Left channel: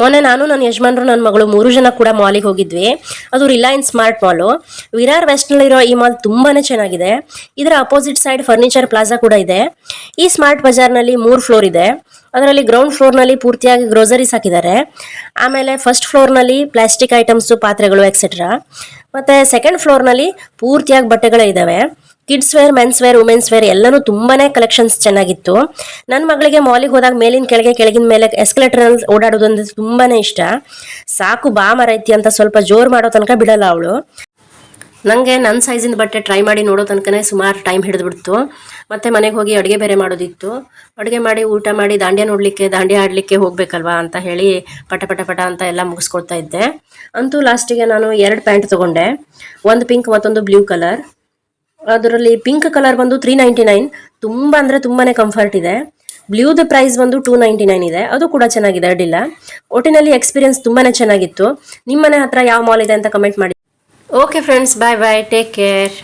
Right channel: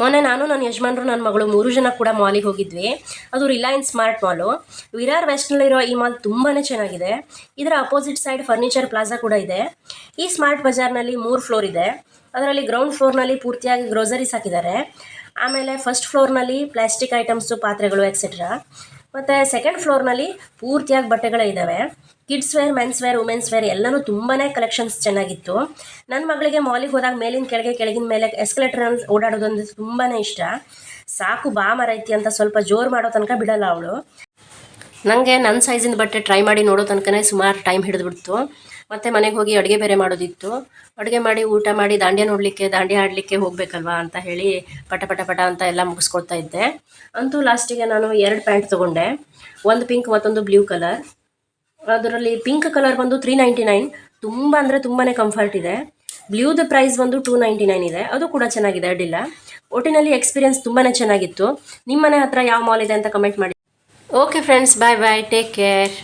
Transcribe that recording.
ಮೊನ್ನೆ ನಾನು ನನ್ನ ಯಜಮಾನ್ರು ನನ್ನ ಮಗಳು 3 ಜನ ಕೂಡ ಮಾಲಿಗೆ ಹೋಗಿದ್ವಿ. ಅದು ರಿಲಯನ್ಸ್ ಸ್ಮಾರ್ಟ್ ಮಾಲು. ವಿರಾರ್ ವೆಸ್ಟ್ನಲ್ಲಿರೋ ಈ ಮಾಲ್ ತುಂಬಾನೇ ಚೆನ್ನಾಗಿದೆ. ಇದರ ಅಪೋಸಿಟ್ ಸೈಡ್ ಫರ್ನಿಚರ್ ಪ್ಲಾಜಾ ಕೂಡ ಇದೆ. ಈ ಸ್ಮಾರ್ಟ್ ಬಜಾರ್ನಲ್ಲಿ 3 ಫ್ಲೋರ್ ಇದೆ. ಅದರಲ್ಲಿ ಗ್ರೌಂಡ್ ಫ್ಲೋರ್ನಲ್ಲಿ ಪೂರ್ತಿಯಾಗಿ ಗ್ರೋಸರೀಸ್ ಹಾಕಿದ್ದಾರೆ. ಆಮೇಲೆ ಫಸ್ಟ್ ಫ್ಲೋರ್ನಲ್ಲಿ ಪ್ಲಾಸ್ಟಿಕ್ ಐಟಮ್ಸು, ಪಾತ್ರೆಗಳು ಎಕ್ಸೆಟ್ರಾ. ಮತ್ತು ಸೆಕೆಂಡ್ ಫ್ಲೋರ್ನಲ್ಲಿ ಪೂರ್ತಿಯಾಗಿ ಬಟ್ಟೆಗಳೇ ಇದ್ದಾವೆ. Kids wear, men's wear, women's wear ಎಲ್ಲನೂ ತುಂಬಾನೇ ಕಲೆಕ್ಷನ್ಸ್ ಚೆನ್ನಾಗಿತ್ತು. ನನ್ನ ಮಗಳಿಗೆ ಮಾಲಿಗೆ ಹೋದಾಗ ಮೇಲಿನ ಕೆಳಗೆ, ಕೆಳಗಿನ ಮೇಲೆ ಎಸ್ಕಲೇಟರ್ ಓಡಾಡೋದು ಅಂದ್ರೆ ತುಂಬಾನೇ ಇಷ್ಟ. ಸಾಕು ಬಾ ಮರೈತಿ ಅಂತ ಸ್ವಲ್ಪ ಜೋರು ಮಾಡೋ ತನಕ ಬಿಡಲ್ಲ ಅವಳು. ನನಗೆ ನನ್ನ ಸೈಜಿನ ಬಟ್ಟೆ ಟ್ರೈ ಮಾಡಿ ನೋಡೋ ತನಕನೇ ಸುಮಾರು ಟೈಮ್ ಹಿಡಿದ್ಬಿಡ್ತು. ಮತ್ತು ಮನೆಗೆ ಹೋಗಿ ಅಡುಗೆ ಬೇರೆ ಮಾಡೋದಿತ್ತು. ಅಡುಗೆ ಮಾಡಿ ಊಟ ಮಾಡಿ ದಾಂಡ್ಯ ನೋಡಲಿಕ್ಕೆ, ದಾಂಡ್ಯ ಆಡಲಿಕ್ಕೆ ಹೋಗಬೇಕಲ್ವಾ ಅಂತ ಹೇಳಿ ಪಟ ಪಟ ಪಟ ಅಂತ ಎಲ್ಲ ಮುಗಿಸ್ಕೊಡ್ತಾ ಇದ್ದೆ. ಅಂತೂ ಲಾಸ್ಟಿಗೆ ನಾನು 2 ಪ್ಯಾಂಟ್ ತೊಗೊಂಡೆ. ಒಂದು ಪಿಂಕ್, ಮತ್ತೊಂದು ಬ್ಲೂ ಕಲರ್. ಅದರಲ್ಲಿ ಪಿಂಕ್ ಕಲರ್ ಬಂದು 399, ತುಂಬ ಅಂದರೆ ತುಂಬಾನೇ ಕಂಫರ್ಟ್ ಇದೆ. ಬ್ಲೂದ ಪ್ರೈಸ್ ಬಂದು 299 ಇದೆ. ಅದು ಕೂಡ ಚೆನ್ನಾಗಿದೆ, ಅಡ್ಡಿಲ್ಲ. ಒಟ್ಟಿನಲ್ಲಿ ಎಕ್ಸ್ಪೀರಿಯನ್ಸ್ ತುಂಬಾನೇ ಚೆನ್ನಾಗಿತ್ತು. ನಿಮ್ಮ ಮನೆ ಹತ್ರ ಯಾವ ಮಾಲ್ ಇದೆ ಅಂತ ಕಮೆಂಟ್ ಮಾಡಿ. ಓಕೆ ಫ್ರೆಂಡ್ಸ್, ಬಾಯ್ ಬಾಯ್, ಟೇಕ್ ಕೇರ್.